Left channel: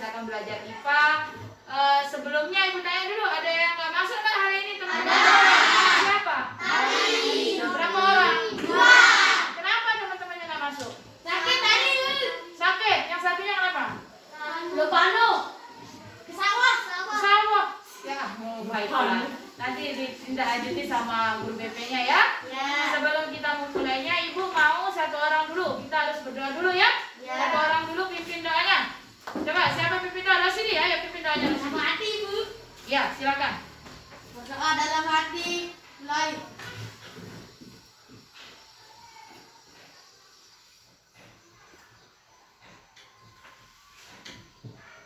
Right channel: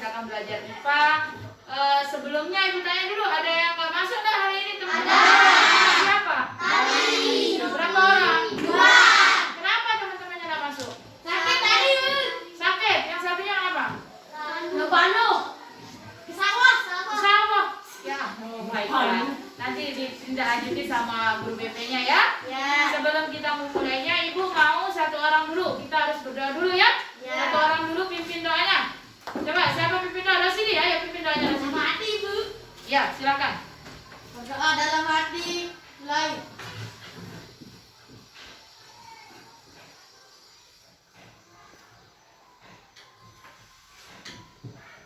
kita akan belajar IPA. Sebelumnya Ibu tanya dulu, ada yang nggak masuk nggak hari ini teman-teman? Ada. Siapa? Tadi. Berapa orang? 2. Kenapa teman-temannya nggak masuk? Sakit tadi. Sakit. Yang satunya apa? Lebano. Ke sawah. Sawah. Ya, baiklah. Nanti ditindaklanjuti sama guru BP-nya ya. Ya. Sebelum kita memulainya, Ibu mau satu orang dulu. Kita harus berdoa dulu ya. Ya. Satu orang dulu pimpin doanya. Coba siapa pimpin doa? Rosidi ya, ya pimpin doanya. Dalam hati, Bu. Ya, silakan. Berdoa dalam hati. Mulai.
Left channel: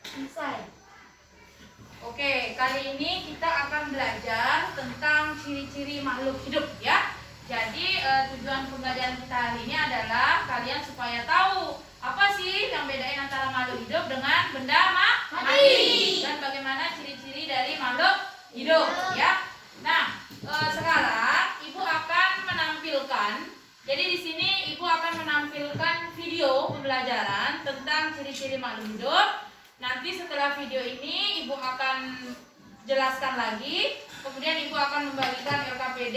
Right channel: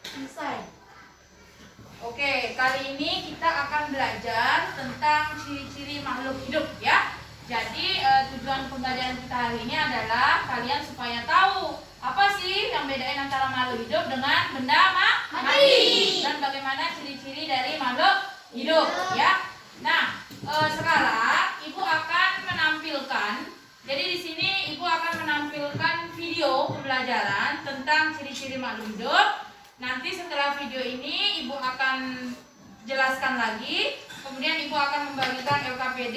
Selesai. Oke, kali ini kita akan belajar tentang ciri-ciri makhluk hidup ya. Jadi tujuan pembelajaran kita hari ini adalah kalian supaya tahu apa sih yang bedain antara makhluk hidup dengan benda mati dan bagaimana ciri-ciri dari makhluk hidup ya. Nah, sekarang Ibu akan menampilkan. Jadi di sini Ibu akan menampilkan video pembelajaran tentang ciri-ciri makhluk hidup. Nanti setelah video ini Ibu akan jelaskan lagi. Kemudian Ibu akan membagikan LKPD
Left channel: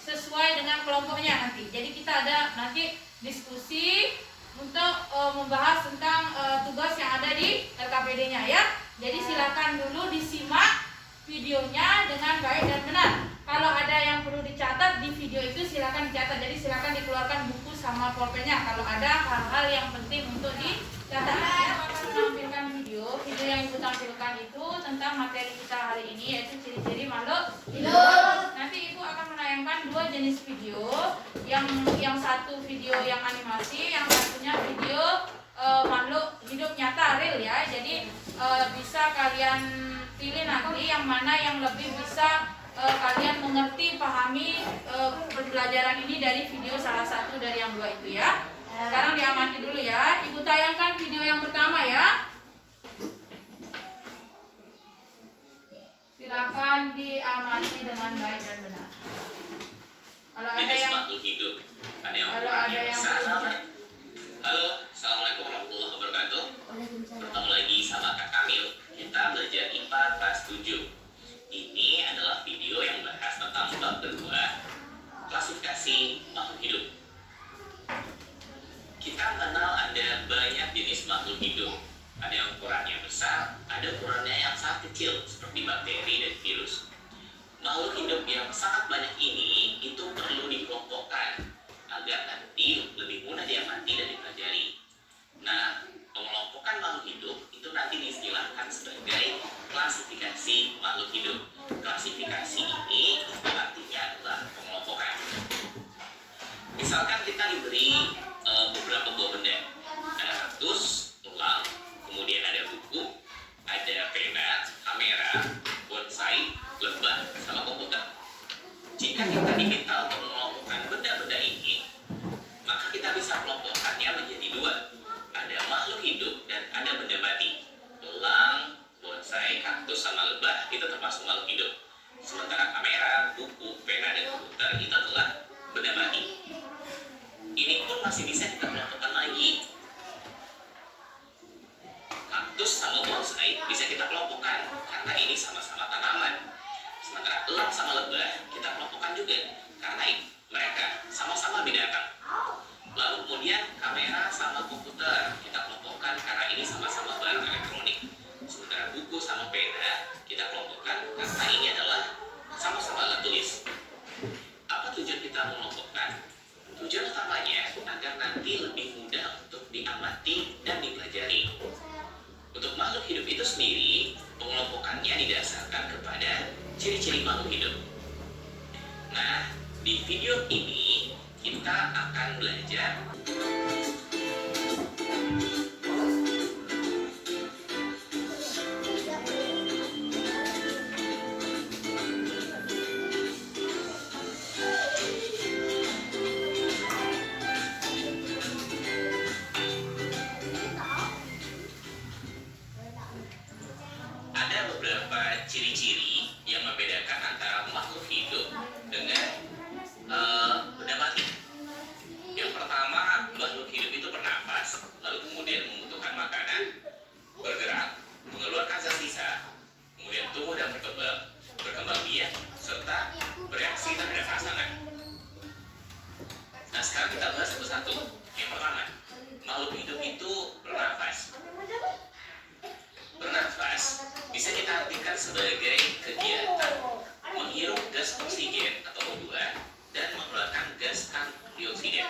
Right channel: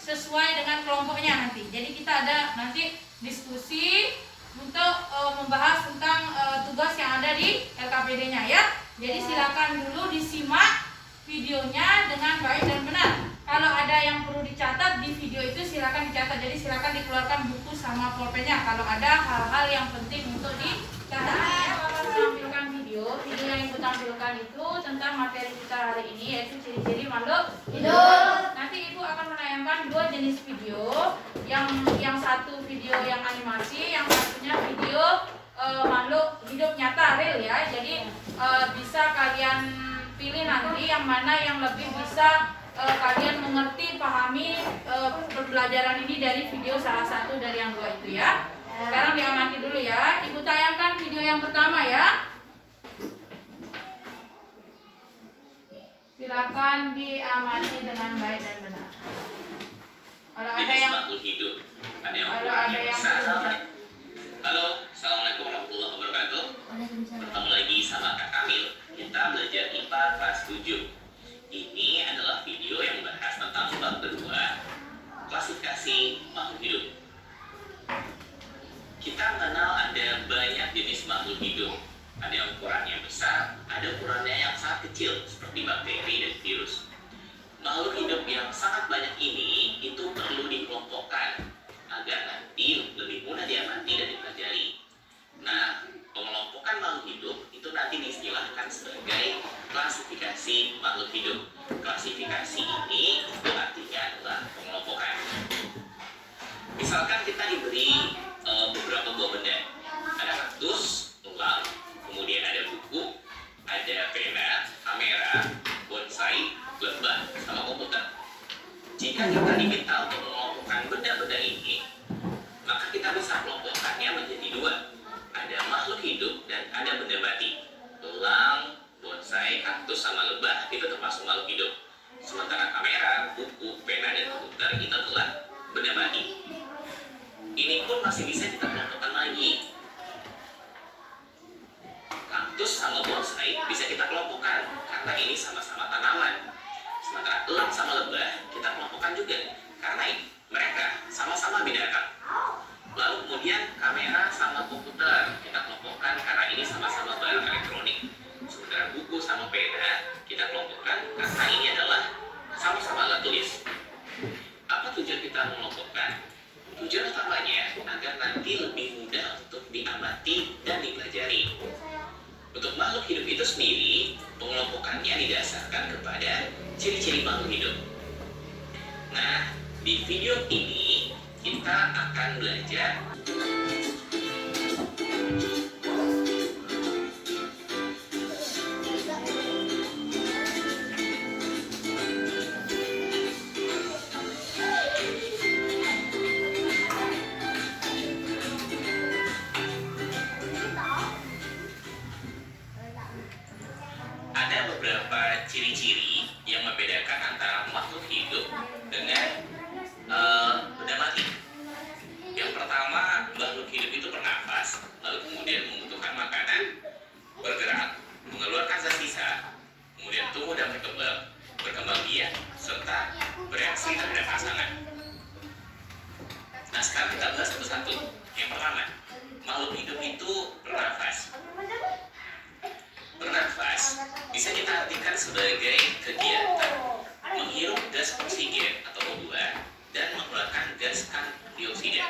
sesuai dengan kelompoknya nanti. Jadi kita ada nanti diskusi untuk membahas tentang tugas yang ada di LKPD-nya ya. Jadi silakan dulu disimak videonya dengan baik dan benar. Kalau ada yang perlu dicatat di video itu silakan dicatat. Jadi silakan dikeluarkan buku sama pulpennya kalau ada hal-hal yang penting untuk dicatat. Saya akan menampilkan video yang Ibu tampilkan itu tentang materi kita hari ini, yaitu ciri-ciri makhluk hidup. Nanti Ibu akan menayangkan 2 jenis video. Yang satu video yang animasi, yang satunya video makhluk hidup nyata real ya. Jadi bisa kalian pilih nanti yang mana yang lebih bisa kalian mengerti, pahami pembelajaran ini dari video salah satu dari yang 2 itu ya. Sekarang diamati dulu ya. Ibu tayangkan video yang pertama ya. Silakan diamati dengan baik dan benar. Kalau ada yang makhluk hidup, ada yang kalau ada yang Halo, assalamualaikum warahmatullahi wabarakatuh. Bertemu lagi sama Kak Kamil. Kita belajar IPA kelas 7. Ini adalah video yang bahas tentang bab kedua, klasifikasi makhluk hidup. Kita mengenal ada banyak jenis makhluk hidup. Ada yang ukurannya besar, ada ukurannya yang sangat kecil seperti bakteri dan virus. Makhluk hidup yang sangat banyak ini itu perlu dikelompokkan agar nanti lebih mudah diamati dan dipelajari. Nah, pengelompokan makhluk hidup itu nanti diistilahkan sebagai klasifikasi makhluk hidup. Klasifikasi ini itu artinya adalah pengelompokan. Misalkan kita diberi beberapa buah benda. Ada kaktus, tulang, kemudian ada buku, ada pena, kamera, bonsai, lebah, sama komputer. Jika kita diminta untuk mengelompokkan benda-benda ini, maka kita bisa kelompokkannya menjadi 2. Ada makhluk hidup dan ada benda mati. Tulang, bonsai, kaktus, sama lebah itu termasuk makhluk hidup. Sementara kamera, buku, pena, dan komputer itu adalah benda mati. Ini pun masih bisa kita kelompokkan lagi. Kaktus sama bonsai bisa kita kelompokkan karena ini sama-sama tanaman. Sementara elang sama lebah kita kelompokkan juga karena mereka sama-sama binatang. Lalu kemudian kamera sama komputer kita kelompokkan karena ini sama-sama barang elektronik. Sementara buku sama pena kita kelompokkan karena ini adalah sama-sama alat tulis. Apa tujuan kita mengelompokkan? Tujuan utamanya agar nanti lebih mudah untuk diamati dan dipelajari. Untuk makhluk hidup itu sendiri, pengelompokannya didasarkan kepada ciri-ciri makhluk hidup. Nah, di video ini kita akan belajar ada beberapa ciri-ciri yang membedakan antara makhluk hidup dengan benda mati. Yang pertama kita bahas satu-satu. Yang pertama, makhluk hidup itu bernafas. Bernafas bisa kita artikan sebagai kegiatan menghirup gas oksigen atau O2 dan mengeluarkan gas karbon dioksida.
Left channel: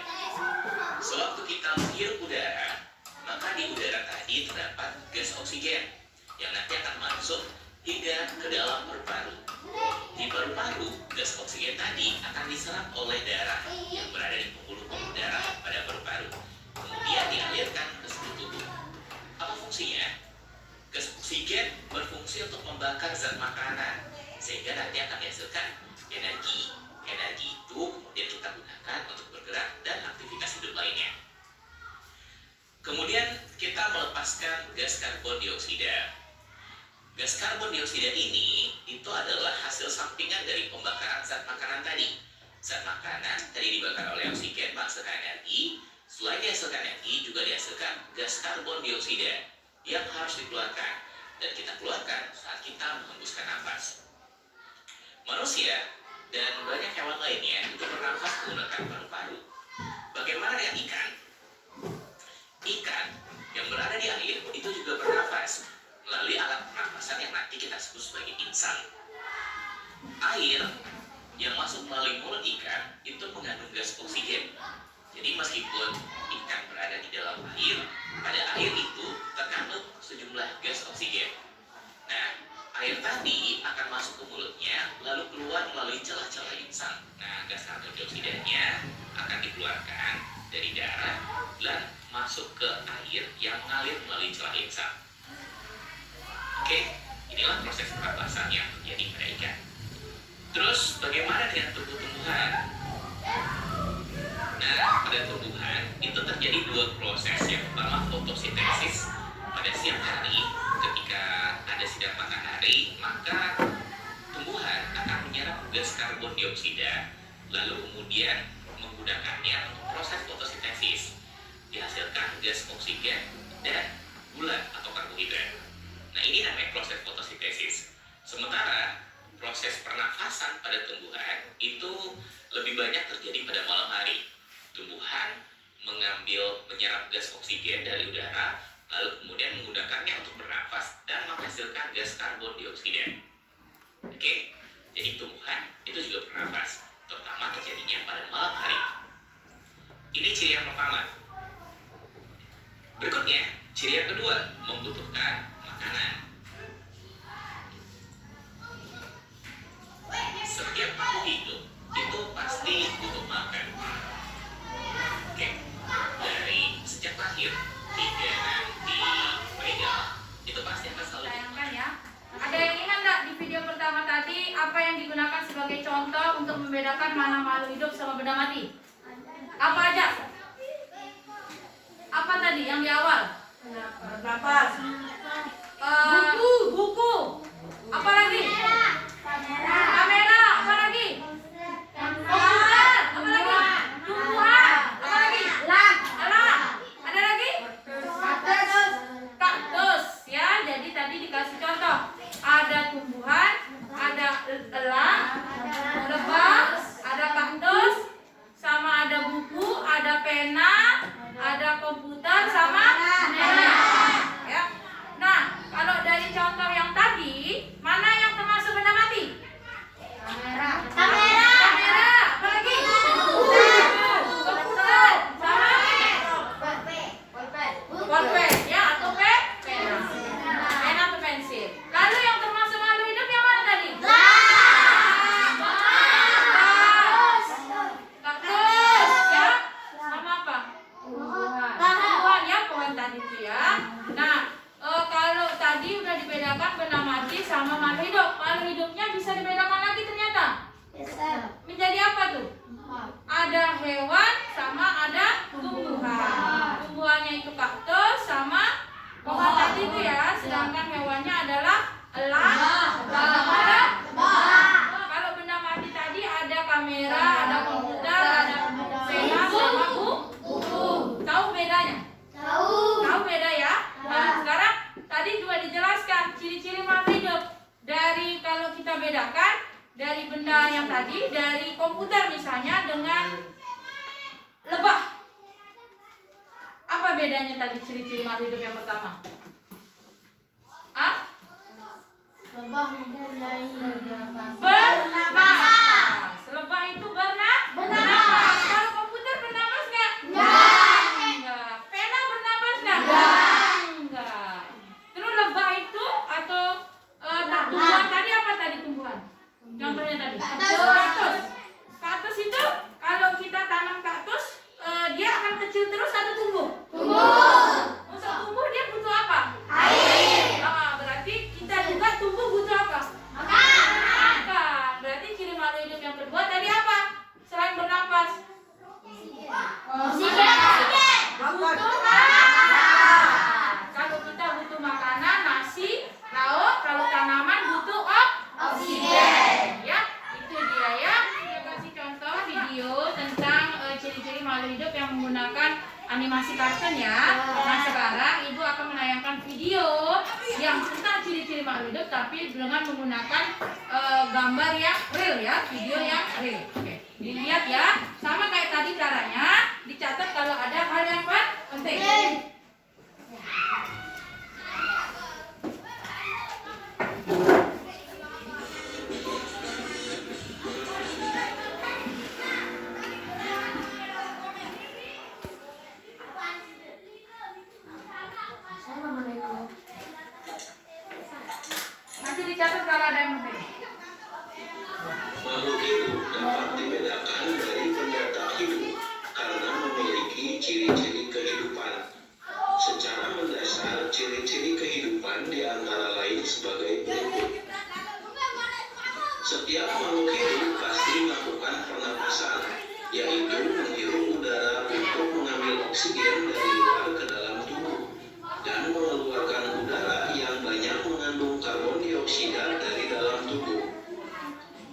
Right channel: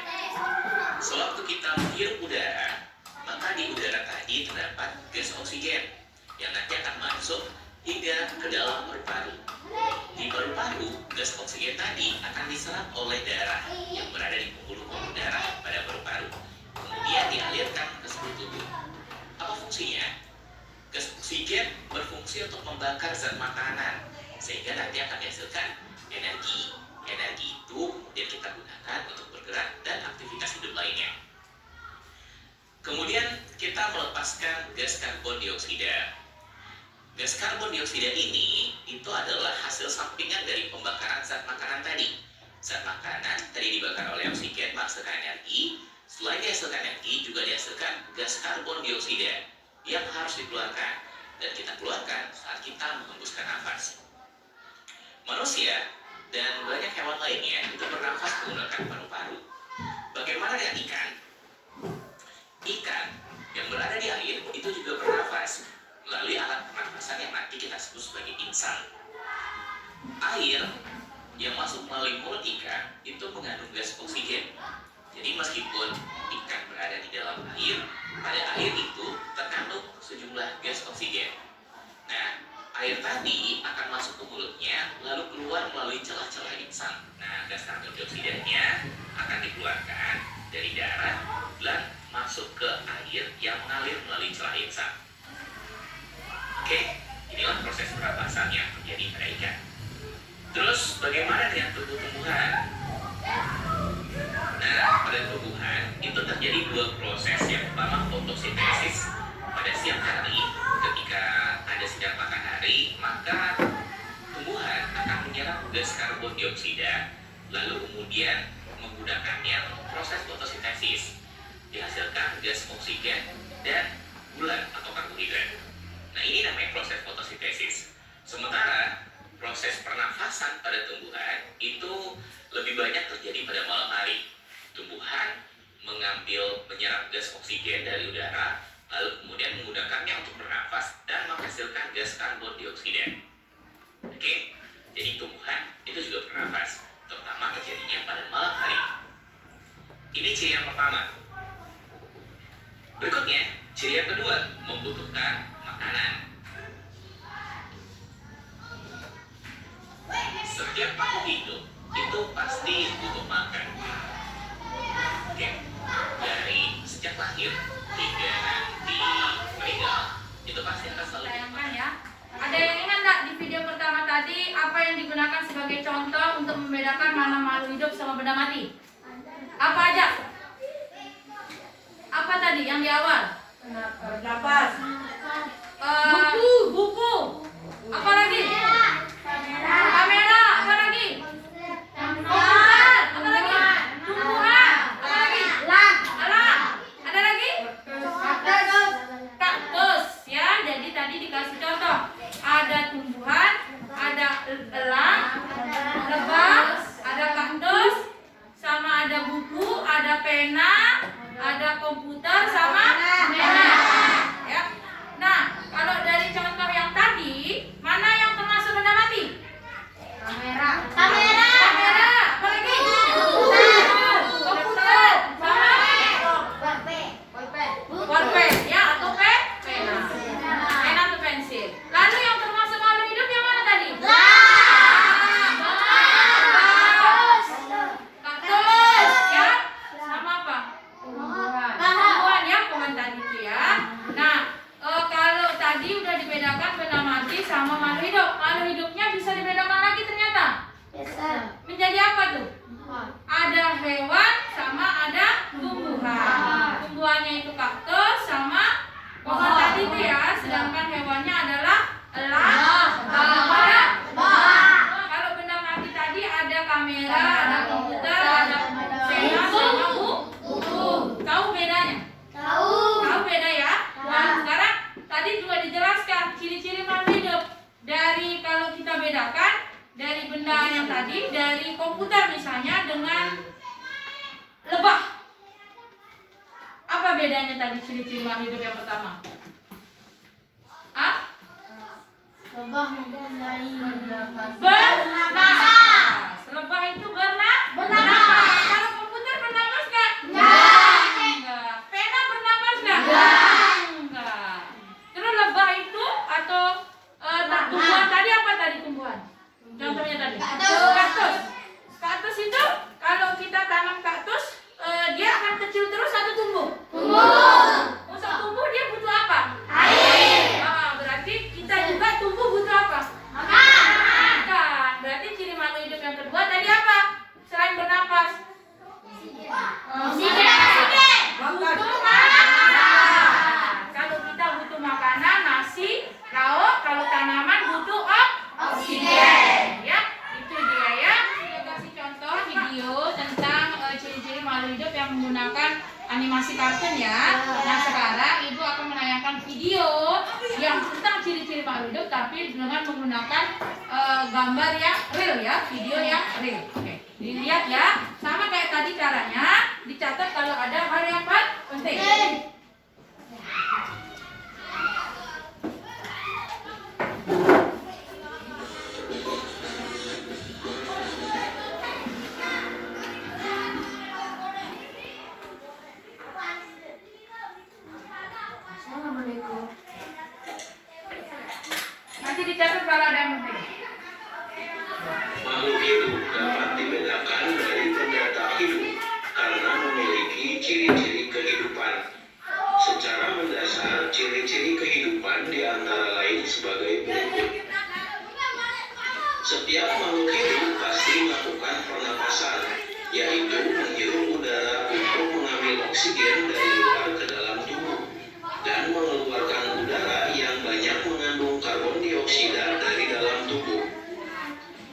Sewaktu kita menghirup udara, maka di udara tadi terdapat gas oksigen yang nanti akan masuk hingga ke dalam paru-paru. Di paru-paru, gas oksigen tadi akan diserap oleh darah yang berada di pembuluh-pembuluh darah pada paru-paru. Kemudian dialirkan ke seluruh tubuh. Apa fungsinya? Gas oksigen berfungsi untuk membakar zat makanan sehingga nanti akan dihasilkan energi. Energi itu kemudian kita gunakan untuk bergerak dan aktivitas hidup lainnya. Kemudian kita melepaskan gas karbon dioksida. Gas karbon dioksida ini itu adalah hasil sampingan dari pembakaran zat makanan tadi. Zat makanan tadi dibakar oleh oksigen menghasilkan energi. Selain dihasilkan energi, juga dihasilkan gas karbon dioksida yang harus dikeluarkan dan kita keluarkan saat kita menghembuskan nafas. Manusia dan banyak hewan lainnya itu bernafas menggunakan paru-paru. Bagaimana dengan ikan? Ikan yang berada di air itu juga bernafas melalui alat pernafasan yang nanti kita sebut sebagai insang. Air yang masuk melalui mulut ikan itu mengandung gas oksigen. Jadi meskipun ikan berada di dalam air, pada air itu terkandung sejumlah gas oksigen. Nah, air tadi akan masuk ke mulutnya, lalu keluar melalui celah-celah insang. Nah, gas karbon dioksidanya akan dikeluarkan dari darah dan masuk ke air yang mengalir melalui celah insang. Oke, inilah proses pernapasan yang terjadi pada ikan. Terus, bagaimana dengan tumbuh-tumbuhan? Nah, pada tumbuhan itu terjadi dua proses. Yang pertama, fotosintesis. Pada siang hari, ketika ada sinar matahari, maka tumbuhan akan menyerap gas karbon dioksida, lalu kemudian menggunakannya untuk proses fotosintesis. Dihasilkan gas oksigen dan gula atau karbohidrat. Nah, ini namanya proses fotosintesis. Sementara proses pernafasan pada tumbuhan itu lebih banyak terjadi pada malam hari. Tumbuhan menyerap gas oksigen dari udara, lalu kemudian menggunakannya untuk bernafas dan menghasilkan gas karbon dioksida. Oke, jadi tumbuhan itu juga bernafas, terutama terjadinya pada malam hari. Ini ciri yang pertama. Berikutnya, ciri yang kedua, membutuhkan makanan. Setiap makhluk hidup itu pasti butuh makan. Oke, dari sejak lahir hingga nanti meninggal itu pasti akan selalu Sayangkan ya. Ada yang ingat nggak di video pertama tadi apa yang digunakan sebagai contoh untuk membedakan mana makhluk hidup sama benda mati? Apa aja? Apa tadi yang di awal? Nafas. Buku. Apa lagi? Kamera. Apa lagi? Komputer. Apa lagi? Tumbuhan. Apa lagi? Alat. Ada lagi? Kaktus. Ya, jadi tadi dikasih contoh. Ada tumbuhan, ada elang, lebah, ada kaktus, sama ada buku, ada pena, ada komputer, sama kamera. Ya. Nah, kalau dari contoh yang tadi, mana yang termasuk benda mati? Kamera. Apa lagi? Komputer, sama pulpen, ya, atau pena. Pena atau pensil. Lalu yang termasuk makhluk hidup yang mana tadi? Kaktus, ya, sama apa? Tumbuhan, ya, pohon tadi itu ya. Nah, kalau tadi udah dibedakan benda mati sama makhluk hidup. Makhluk hidupnya bisa dibedakan lagi ternyata. Menjadi apa tuh? Ada hewan sama ada tumbuhan. Tumbuhannya itu kaktus sama pohon tadi itu ya. Sedangkan hewannya adalah elang sama ada kalau benda mati tadi ada kamera, ada komputer, ada pena sama buku. Tahu bedanya? Tahu beda ya? Nah, sekarang tadi juga dijelaskan ciri-ciri makhluk hidup. Dari kalau kita bedakan dari benda yang tadi, dari komputer misalnya dengan lebah. bedanya tadi ciri-ciri makhluk hidup yang pertama? Ah? Lebah mempunyai Bernapas. Lebah itu bernapas. Kalau komputer bernapas nggak? Enggak. Pena bernapas nggak? Enggak. Terus lebah itu atau tumbuhan tadi apa tadi tumbuhan? Contohnya tadi. Kaktus. Kaktus itu kalau kita tanam kaktus, dia akan kecil terus atau tumbuh? Untuk tumbuh dia butuh apa? Air. Berarti kita juga tumbuh butuh apa? Makan. Berarti ciri makhluk hidup yang kedua tadi apa? Selain bernapas. Butuh makanan. Kalau kita butuh makanan, nasi, lauk, kalau tanaman butuh oksigen. Ya, itu dia ya. Saya kasih contoh video tentang ciri-ciri makhluk hidup yang menggunakan animasi kartun ya. Nah sekarang ibu akan menayangkan video yang tentang ciri-ciri makhluk hidup tapi dengan menggunakan gambar yang real ya, video yang real. Oke, dilihat ya. Sama kayak tadi caranya, dicatat kalau ada hal yang penting. Nanti dicatat kalau ada yang penting. Makhluk hidup dapat dibedakan dari benda tak hidup karena memiliki ciri-ciri kehidupan. Secara mendasar, ciri-ciri kehidupan diantara lain sebagai berikut. Setiap makhluk hidup pasti melakukan pernapasan, yaitu menghirup udara untuk mengambil oksigen dari luar ke dalam tubuh dan mengeluarkan udara yang banyak mengandung karbon dioksida dari dalam tubuh.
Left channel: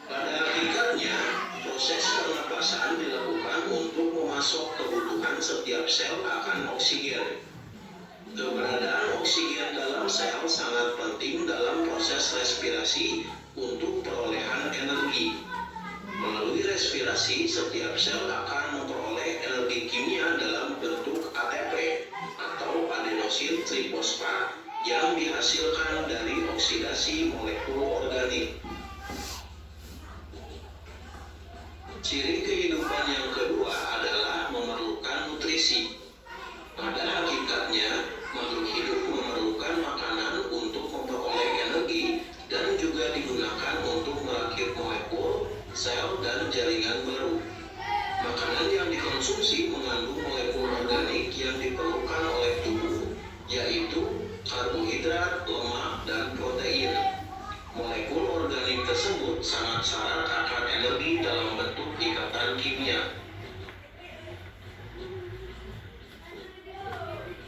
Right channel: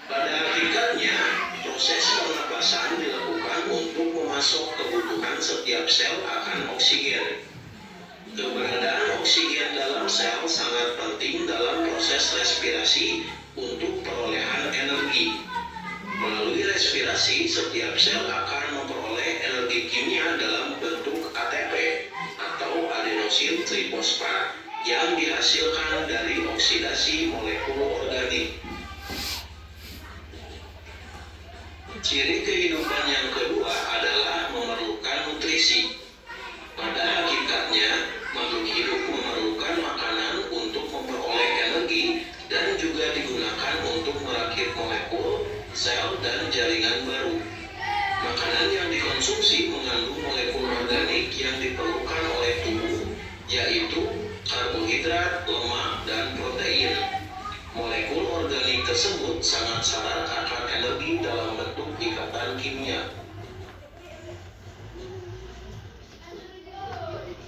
Pada hakikatnya, proses pernapasan dilakukan untuk memasok kebutuhan setiap sel akan oksigen. Keberadaan oksigen dalam sel sangat penting dalam proses respirasi untuk perolehan energi. Melalui respirasi, setiap sel akan memperoleh energi kimia dalam bentuk ATP atau adenosin trifosfat yang dihasilkan dari oksidasi molekul organik. Ciri kehidupan yang kedua adalah memerlukan nutrisi. Pada hakikatnya, makhluk hidup memerlukan makanan untuk memperoleh energi dan juga digunakan untuk merakit molekul, sel, dan jaringan baru. Makanan yang dikonsumsi mengandung molekul organik yang diperlukan oleh tubuh, yaitu karbohidrat, lemak, dan protein. Molekul organik tersebut sangat syarat akan energi dalam bentuk ikatan kimia.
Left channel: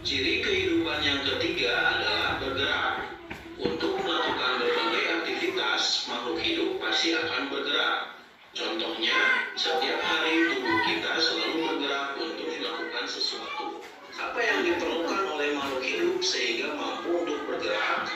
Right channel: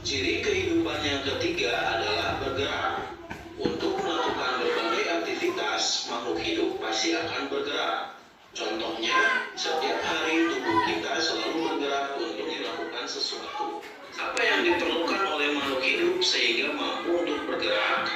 Ciri kehidupan yang ketiga adalah bergerak. Untuk melakukan berbagai aktivitas, makhluk hidup pasti akan bergerak. Contohnya, setiap hari tubuh kita selalu bergerak untuk dilakukan sesuatu. Apa yang diperlukan oleh makhluk hidup sehingga mampu untuk bergerak?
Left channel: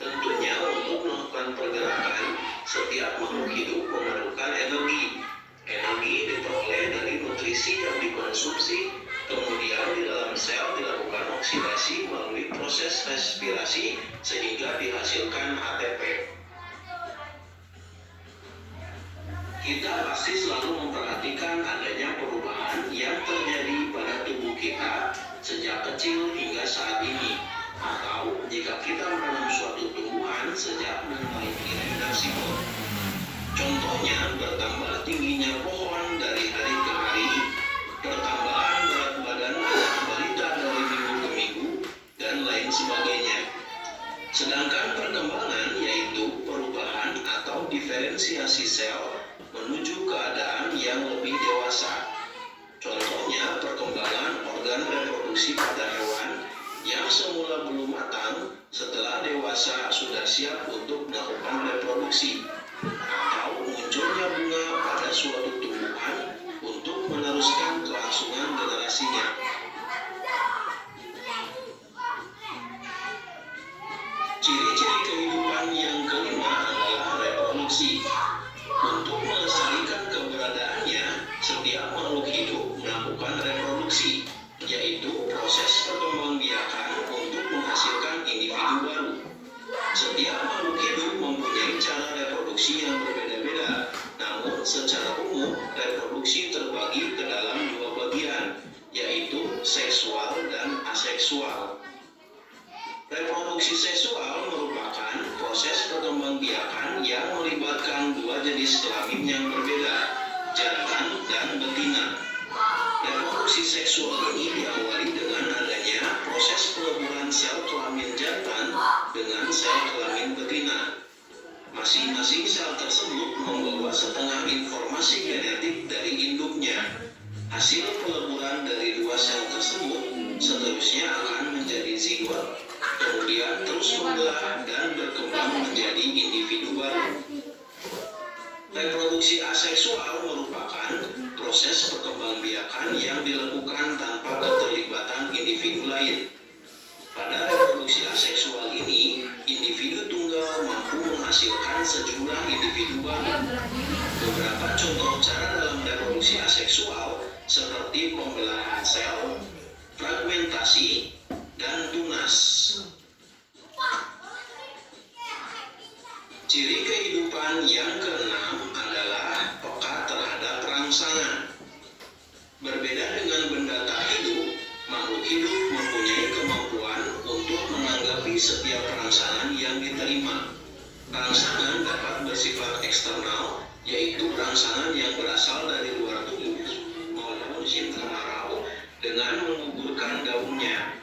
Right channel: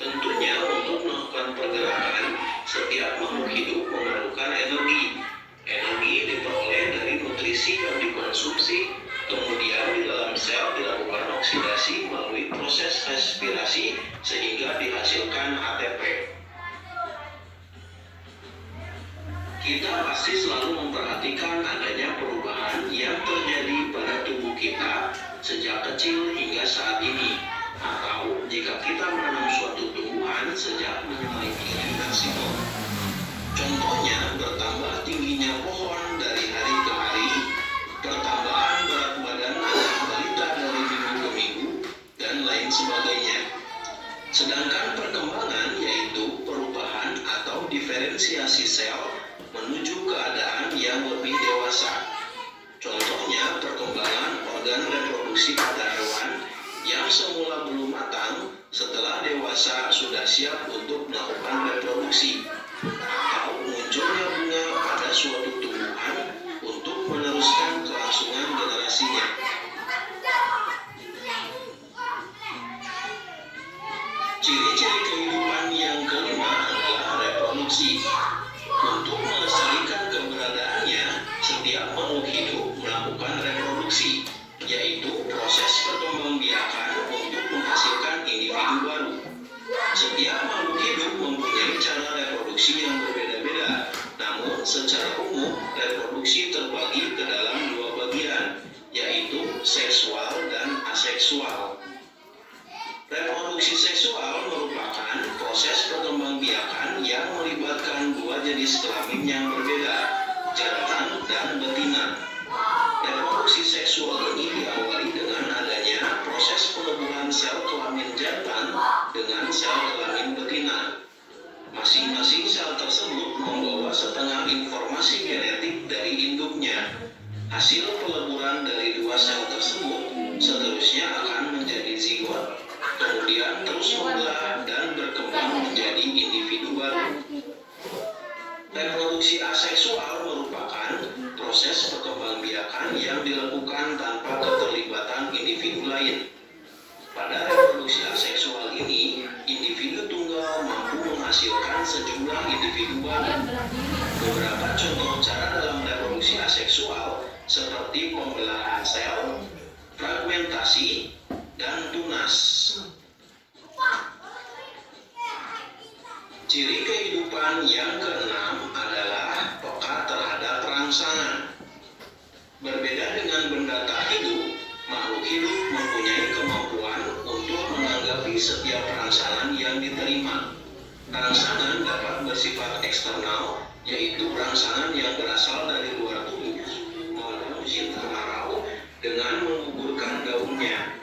Tentunya untuk melakukan pergerakan, setiap makhluk hidup memerlukan energi. Energi diperoleh dari nutrisi yang dikonsumsi, kemudian di dalam sel dilakukan oksidasi melalui proses respirasi sehingga dihasilkan ATP. Kita pasti selalu memperhatikan adanya perubahan yang terjadi pada tubuh kita sejak kecil hingga saat ini. Atau jika kita menanam suatu tumbuhan sejak memiliki maksimum. Contohnya bertambah tingginya pohon dari hari ke hari, pertambahan berat badan anak balita dari minggu ke minggu, dan lain sebagainya. Sedangkan perkembangan yaitu perubahan atau diferensiasi sel menuju keadaan yang lebih dewasa. Contohnya perkembangan organ reproduksi pada hewan yang semula belum matang setelah dewasa sudah siap untuk melakukan reproduksi, atau munculnya bunga pada suatu tumbuhan untuk meneruskan kelangsungan generasinya. Ciri-ciri kehidupan yang kelima adalah reproduksi. Untuk melestarikan keberadaannya, setiap makhluk hidup melakukan reproduksi, yaitu proses proses perkembangbiakan untuk menghasilkan individu baru. Setiap makhluk hidup mempunyai cara reproduksi yang berbeda-beda. Namun, secara umum, reproduksi terbagi ke dalam dua bagian, yaitu seksual dan aseksual. Reproduksi seksual merupakan proses perkembangbiakan yang melibatkan dua jenis kelamin yang berbeda, jantan dan betina. Reproduksi seksual ini diawali dengan adanya proses peleburan sel kelamin jantan dengan sel kelamin betina. Masing-masing sel tersebut membawa setengah informasi genetik dari induknya. Hasil peleburan dari dua sel tersebut seterusnya akan menjadi zigot, kemudian terus membelah dan berkembang menjadi individu baru. Reproduksi aseksual merupakan proses perkembangbiakan yang dilakukan tanpa keterlibatan individu lain. Pada reproduksi aseksual ini, individu tunggal mampu menghasilkan sejumlah individu baru. Beberapa contoh cara dalam reproduksi aseksual seperti pembelahan sel, fragmentasi, dan tunas. Ciri kehidupan yang keenam adalah peka terhadap rangsangan. Berbeda dengan benda tak hidup, makhluk hidup mempunyai kemampuan untuk menanggapi setiap rangsangan yang diterima. Rangsangan dapat bersifat eksternal, yaitu rangsangan yang berasal dari luar tubuh, maupun internal dengan menggugurkan daunnya.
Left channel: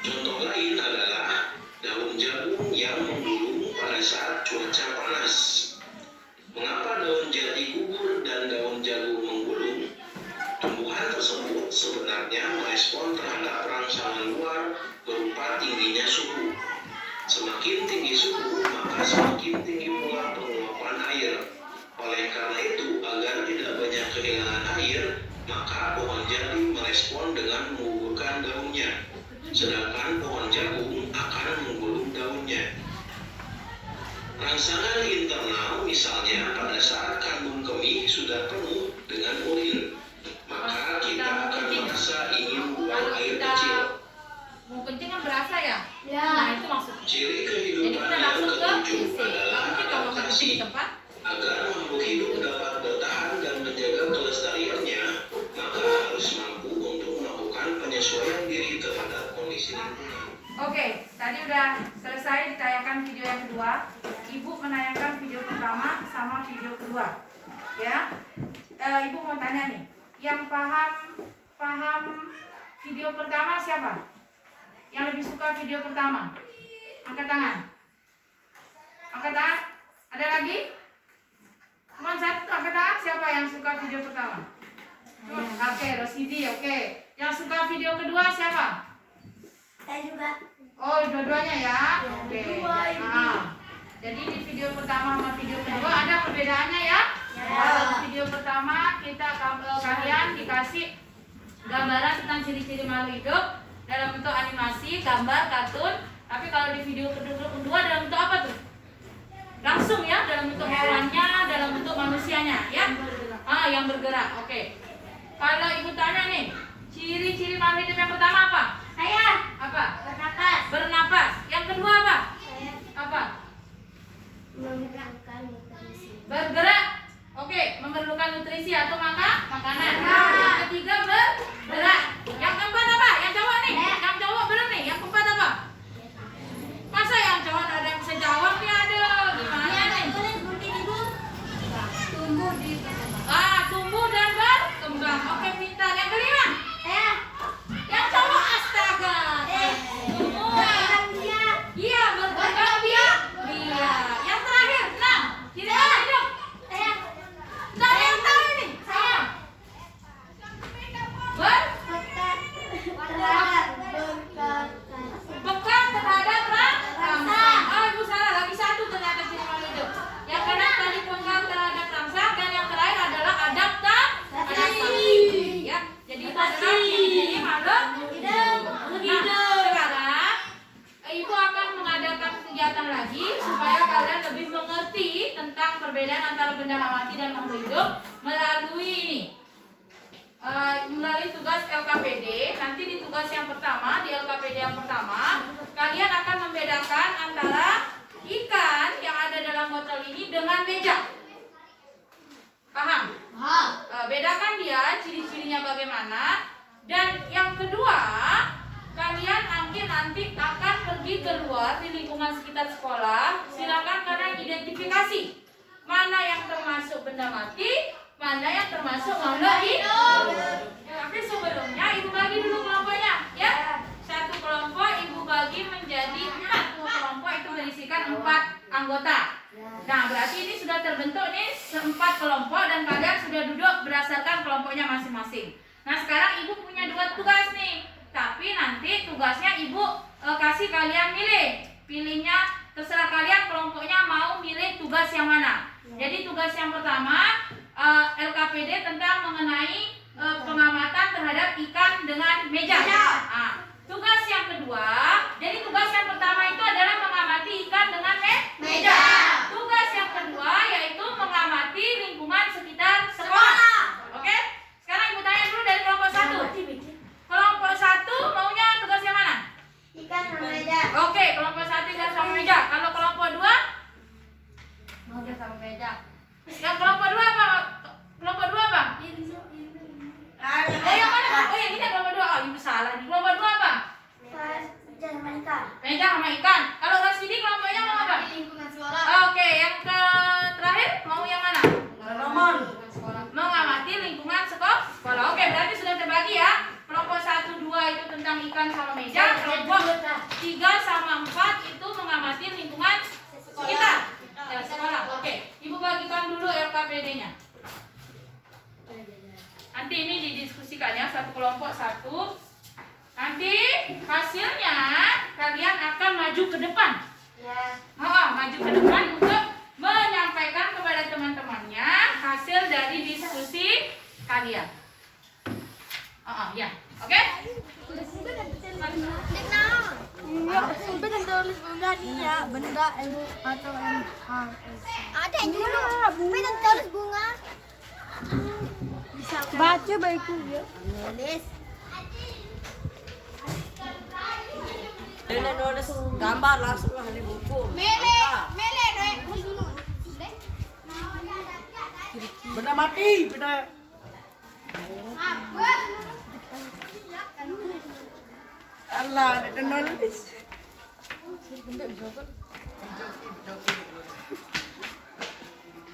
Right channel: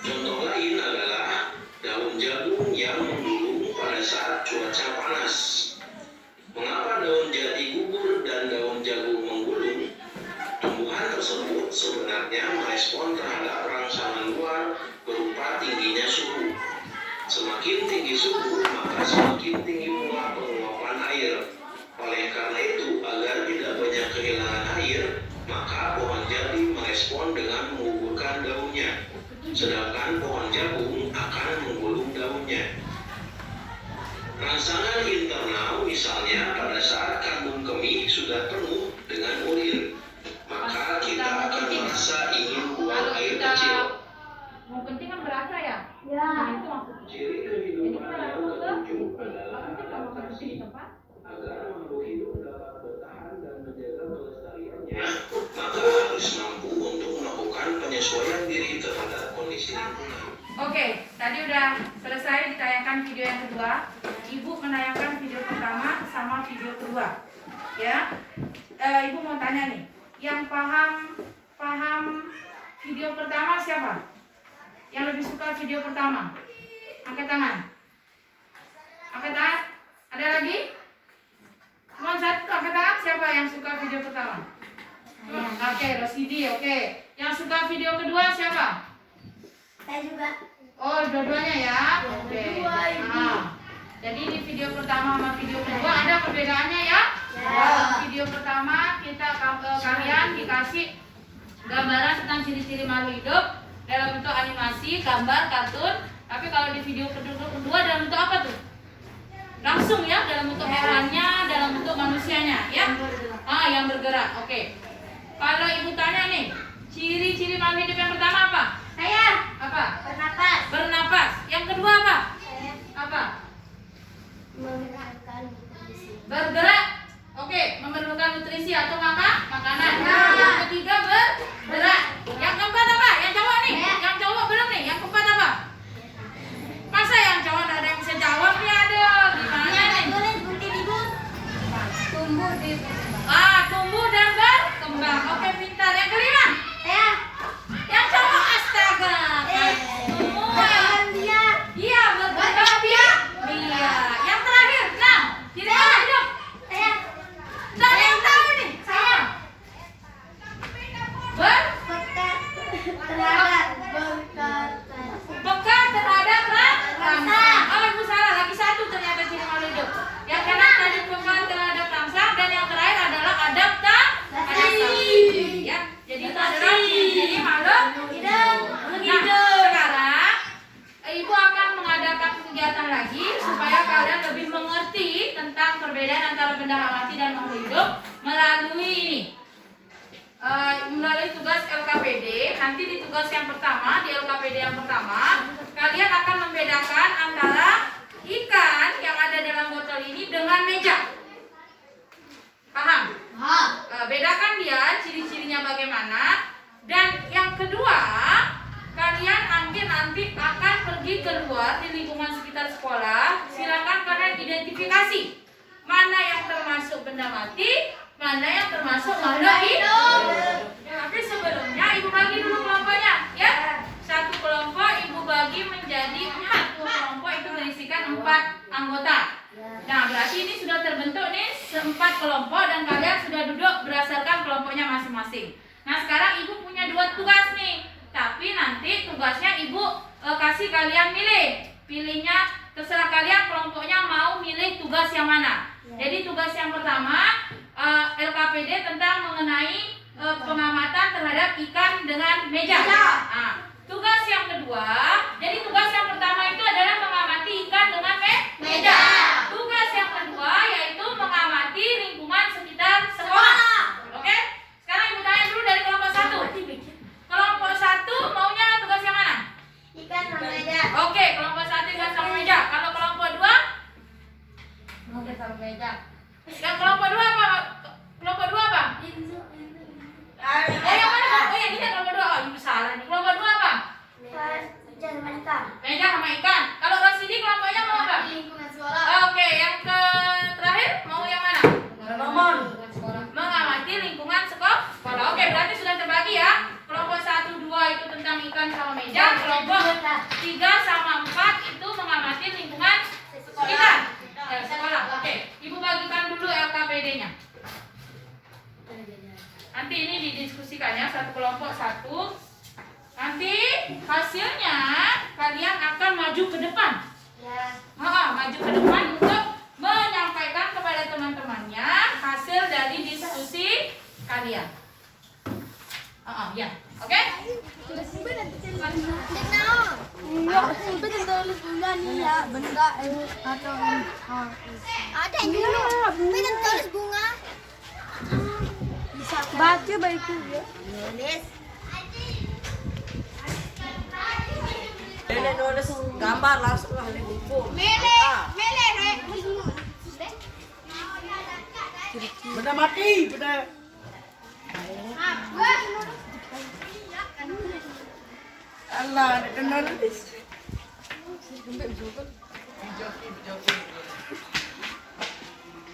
Contoh lain adalah daun jagung yang menggulung pada saat cuaca panas. Mengapa daun jati gugur dan daun jagung menggulung? Tumbuhan tersebut sebenarnya merespon terhadap rangsangan luar berupa tingginya suhu. Semakin tinggi suhu, maka semakin tinggi pula penguapan air. Oleh karena itu, agar tidak banyak kehilangan air, maka pohon jati merespon dengan menggugurkan daunnya, sedangkan pohon jagung akan menggulung daunnya. Rangsangan internal misalnya pada saat kandung kemih sudah penuh dengan urin, maka kita akan merasa ingin buang air kecil. Mau kencing kan berasa ya? Ya. Nah itu maksudnya. Ciri Jadi kehidupan kita yang langsung ke ketujuh WC. adalah Mungkin kalau kencing di adaptasi. tempat. Agar makhluk hidup dapat bertahan dan menjaga kelestariannya, maka harus mampu untuk melakukan penyesuaian diri terhadap kondisi lingkungan. Oke, tadi udah selesai ditayangkan video yang kedua. Ibu menayangkan video pertama sama video kedua. Ya, Ibu mau tanya nih, yang paham video pertama siapa? Yang lebih suka video pertama? Angkat tangan. Angkat tangan. Ada lagi? Cuma satu, angkat tangan. Siapa yang suka video pertama? Oke, Rosidi. Oke. Yang suka video kedua siapa? Saya juga. Oh, dua-duanya ya? Oke. Dua, Ibu. Nah, jadi di video pertama sama video kedua ada perbedaannya ya? Ya. Dalam video pertama kalian dikasih gambaran tentang ciri-ciri makhluk hidup dalam bentuk animasi, gambar, kartun. Tapi kalau di video kedua dalam bentuk apa tuh? Langsung ya, dalam bentuk hewannya, dalam bentuk manusianya ya? Yang bergerak. Oke. Kalau ibu tanya nih, ciri-ciri makhluk hidup yang pertama apa? Saya Apa? bernapas. Bernapas. Yang kedua apa? Apa? Menggerakkan nutrisi. Bergerak. Oke, memerlukan nutrisi atau makanan. Ya. Yang ketiga bergerak. Yang keempat apa? Yang cowok nih. Yang cowok belum nih. Yang keempat apa? Masa yang cowok ada yang bisa jawab nih ada? Gimana nih? Tulis gunting ibu. Tumbuh di. Tumbuh dan berkembang. Oke, pintar. Yang kelima. Saya. Yang cowok astaga. Semua. Berkembang biak. Iya, berkembang biak. Iya. Yang terakhir, nah, ciri makhluk hidup. Saya. Nggak ada yang tahu nih. Saya. Peka terhadap rangsang. Oh, ibu salah. Lagi satu ternyata ciri makhluk hidup. Yang kanan tadi peka terhadap rangsang dan yang terakhir adalah adaptasi. Ya, jadi itu adalah ciri-ciri makhluk hidup. Nah, sekarang ibu akan mengadakan kegiatan lagi supaya kalian lebih mengerti tentang perbedaan antara benda hayati dan makhluk hidup melalui ini. Melalui tugas LKPD. nanti di tugas yang pertama, di LKPD yang pertama, kalian akan membedakan antara ikan yang ada dalam botol ini dengan meja. Paham? Bedakan dia, ciri-cirinya bagaimana. Dan yang kedua, kalian nanti akan pergi keluar di lingkungan sekitar sekolah. Silakan kalian identifikasi mana yang termasuk benda mati, mana yang termasuk makhluk hidup. Tapi sebelumnya ibu bagi dulu kelompoknya, ya. Satu kelompok ibu bagi menjadi 4. Kelompok itu berisikan 4 anggota. Nah, berarti ini sudah terbentuk nih 4 kelompok dan kalian sudah duduk berdasarkan kelompoknya masing-masing. Nah, sekarang ibu punya 2 tugas nih. Tapi nanti tugasnya ibu kasih kalian milih. Pilihnya terserah kalian kelompoknya mau milih tugas yang mana. Jadi tugas yang pertama LKPD tentang mengenai pengamatan terhadap ikan dengan meja. Nah, tugas yang kedua, jadi tugas yang pertama itu adalah mengamati ikan dengan meja. Tugas yang kedua yaitu mengamati lingkungan sekitar sekolah. Oke? Sekarang ibu tanya dulu dari kelompok 1. Kelompok 1 maunya tugas yang mana? Ikan sama meja. Oke, kelompok 1 ikan sama meja. Kalau kelompok 2? Mau sama meja. Yang kelompok 2 apa? Kelompok 2 apa? Yang mana? Oh ya, ini kelompok 2. Oh, ibu salah nih. Kelompok 2 apa? Meja sama ikan. Meja sama ikan. Kalau Rosidi kelompoknya mau apa? Lingkungan sekolah. Oke, yang terakhir mau yang mana? Mengamati lingkungan sekolah. Oke, berarti sudah terbagi ya. Kelompok 1, 2 itu tentang ikan sama meja. Kelompok 3 sama 4 itu mengamati lingkungan kita. Sekolah. Oke, ibu bagikan dulu LKPD-nya. Nanti ini didiskusikan ya, satu kelompok 1. Nanti hasilnya kalian akan maju ke depan. Ya. Maju ke depan untuk menyampaikan kepada teman-temannya hasil dari diskusi kalian. Ya, oke? Sampai tulis bunga nih ya, benda atau ada yang dulu. Sampai tulis bunga. Baca baiknya ya. Nulis. Nenek nulis gambar langsung lah di buku. Benda mati, benda. Allah, ada nulis.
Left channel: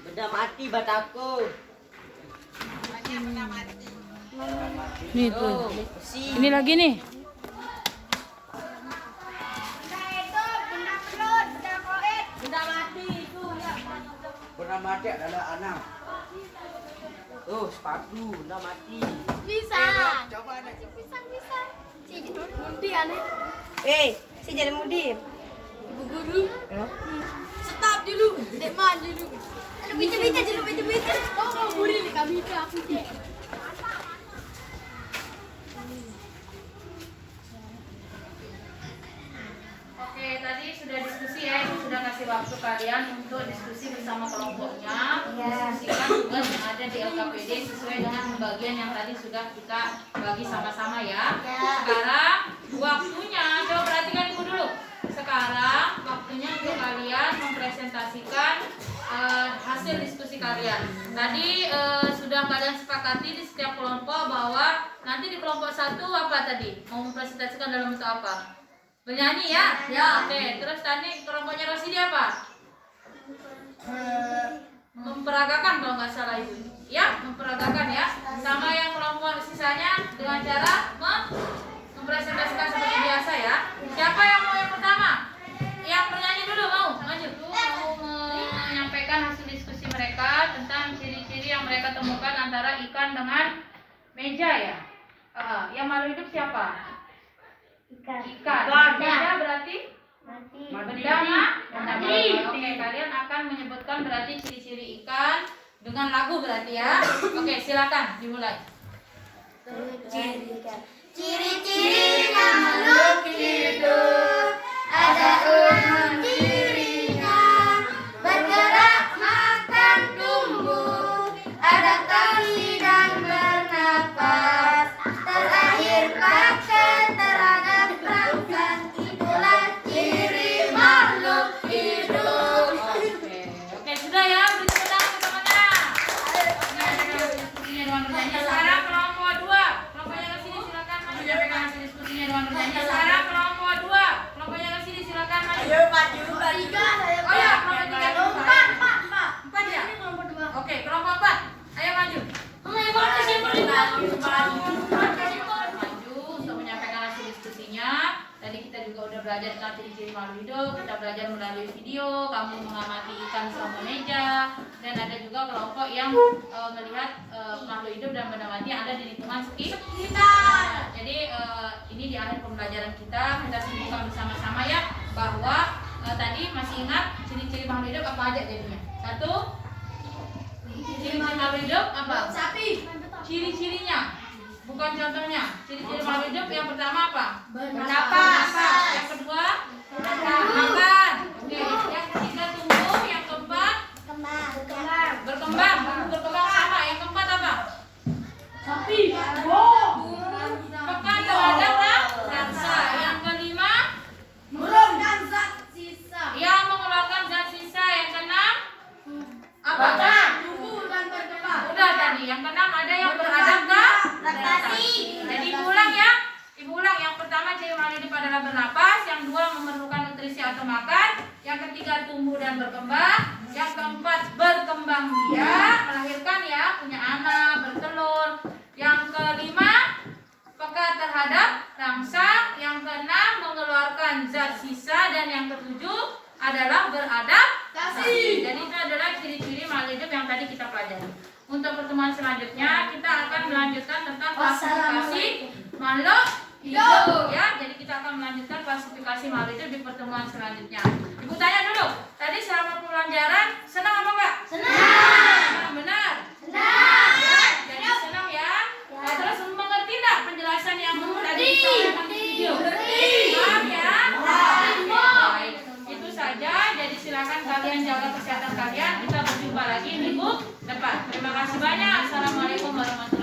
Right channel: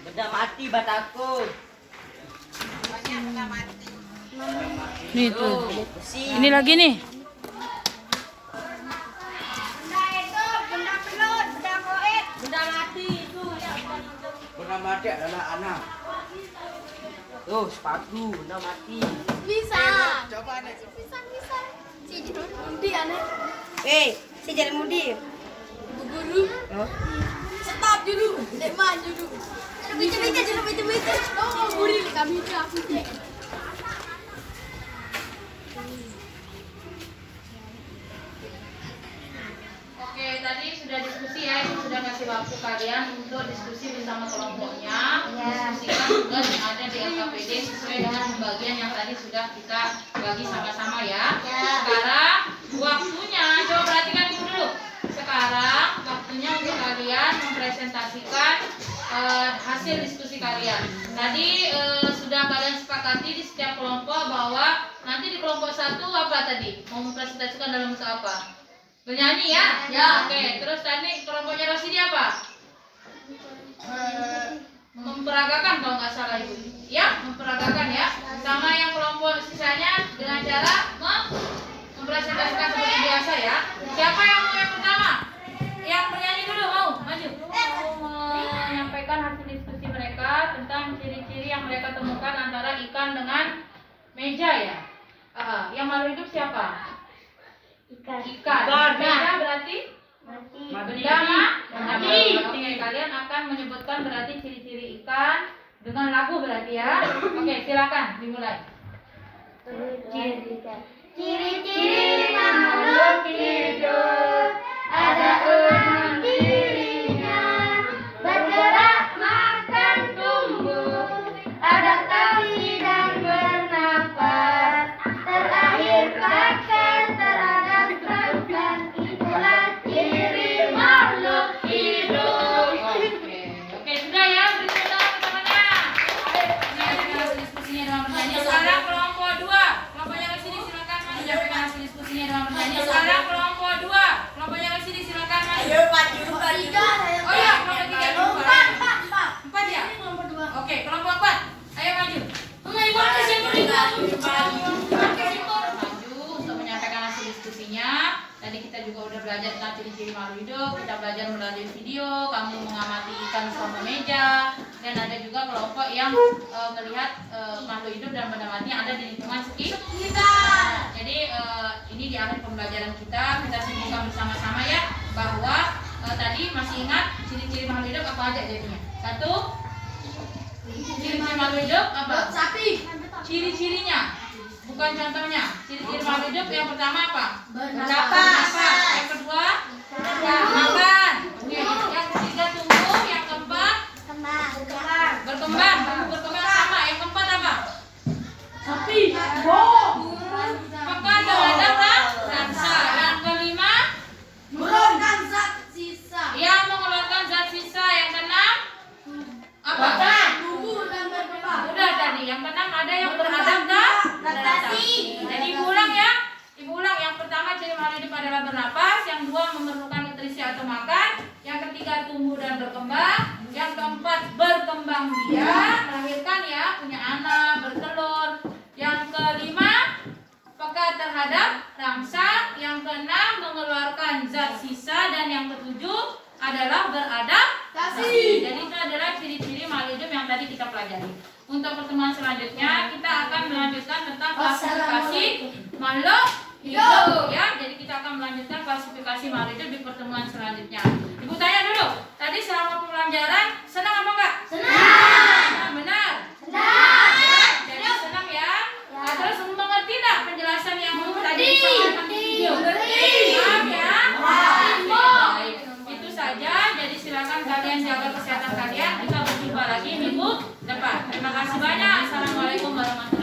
Benda mati bataku. Nih tuh. Ini lagi nih. Benda mati adalah anak. Tuh, sepatu benda mati. Bisa. Coba nih. Bisa. Si jadi mundi aneh. Si jadi mudi. Bu guru. Stop dulu. Dek man dulu. Baca dulu, baca. Oh, mau guru kami ke aku dek. Oke, tadi sudah diskusi ya, ibu sudah kasih waktu kalian untuk diskusi bersama kelompoknya, diskusikan tugas yang ada di LKPD sesuai dengan pembagian yang tadi sudah kita bagi sama-sama ya. Sekarang waktunya, coba perhatikan ibu dulu. Sekarang waktunya untuk kalian mempresentasikan hasil diskusi kalian. Tadi sudah kalian sepakati di setiap kelompok bahwa nanti di kelompok 1 apa tadi? Mau mempresentasikan dalam bentuk apa? Bernyanyi ya? Oke, terus tadi kelompoknya Rosidi apa? Memperagakan kalau nggak salah ibu. Ya, memperagakan ya. Sama yang kelompok sisanya dengan cara mempresentasikan seperti biasa ya. Siapa yang mau yang pertama? Yang bernyanyi dulu mau? Maju. Mau menyampaikan hasil diskusi mereka tentang ciri-ciri yang mereka temukan antara ikan dengan meja ya. Yang makhluk hidup siapa? Ikan. Meja berarti benda mati. Oke, kalian akan menyebutkan berarti ciri-ciri ikan dengan lagu berarti ya. Oke, silakan dimulai. Ciri-ciri makhluk hidup ada 6 cirinya, bergerak, makan, tumbuh, adaptasi dan bernafas, terakhir pakai bernyanyi. Sekarang kelompok 2. Kelompok yang sini silakan maju. Tiga. Oh iya, kelompok 3 itu 4 ya? Oke, kelompok 4. Ayo maju. Maju untuk menyampaikan hasil diskusinya. Tadi kita juga udah belajar tentang ciri-ciri makhluk hidup. Kita belajar melalui video. Kamu mengamati ikan sama meja. Dan ada juga kelompok yang melihat makhluk hidup dan benda mati yang ada di lingkungan sekitar. Jadi ini di akhir pembelajaran kita simpulkan bersama-sama ya bahwa tadi masih ingat ciri-ciri makhluk hidup apa aja jadinya? 1. Ciri-ciri makhluk hidup apa? Sapi. Ciri-cirinya, bukan contohnya. Ciri-ciri makhluk hidup yang pertama apa? Bernapas. Yang kedua, makan. Oke. Yang ketiga tumbuh. Yang keempat, berkembang. Tumbuh berkembang sama. Yang keempat apa? Sapi. Peka terhadap rasa. Yang kelima, Mengeluarkan zat sisa. yang mengeluarkan zat sisa. Yang keenam, apa? Tumbuh dan berkembang. Udah tadi. Yang keenam ada yang beradaptasi. Jadi ibu ulang ya. Ibu ulang. Yang pertama ciri makhluk hidup adalah bernapas. Yang dua memerlukan nutrisi atau makan. Yang ketiga tumbuh dan berkembang. Yang keempat berkembang biak, melahirkan ya, punya anak, bertelur. Yang kelima peka terhadap rangsang. Yang keenam mengeluarkan zat sisa. Dan yang ketujuh adalah beradaptasi. Jadi itu adalah ciri-ciri makhluk hidup yang tadi kita pelajari. Untuk pertemuan selanjutnya kita akan melanjutkan tentang klasifikasi makhluk hidup ya. Jadi kita akan melanjutkan klasifikasi makhluk hidup di pertemuan selanjutnya. Ibu tanya dulu, tadi selama pembelajaran senang apa enggak? Senang. Benar? Senang. Ya, jadi senang ya. Nah, terus mengerti enggak penjelasan yang tadi disampaikan di video? Paham ya? Baik. Itu saja. Jadi silakan kalian jaga kesehatan kalian. Kita berjumpa lagi minggu depan. Terima kasih banyak. Assalamualaikum warahmatullahi wabarakatuh.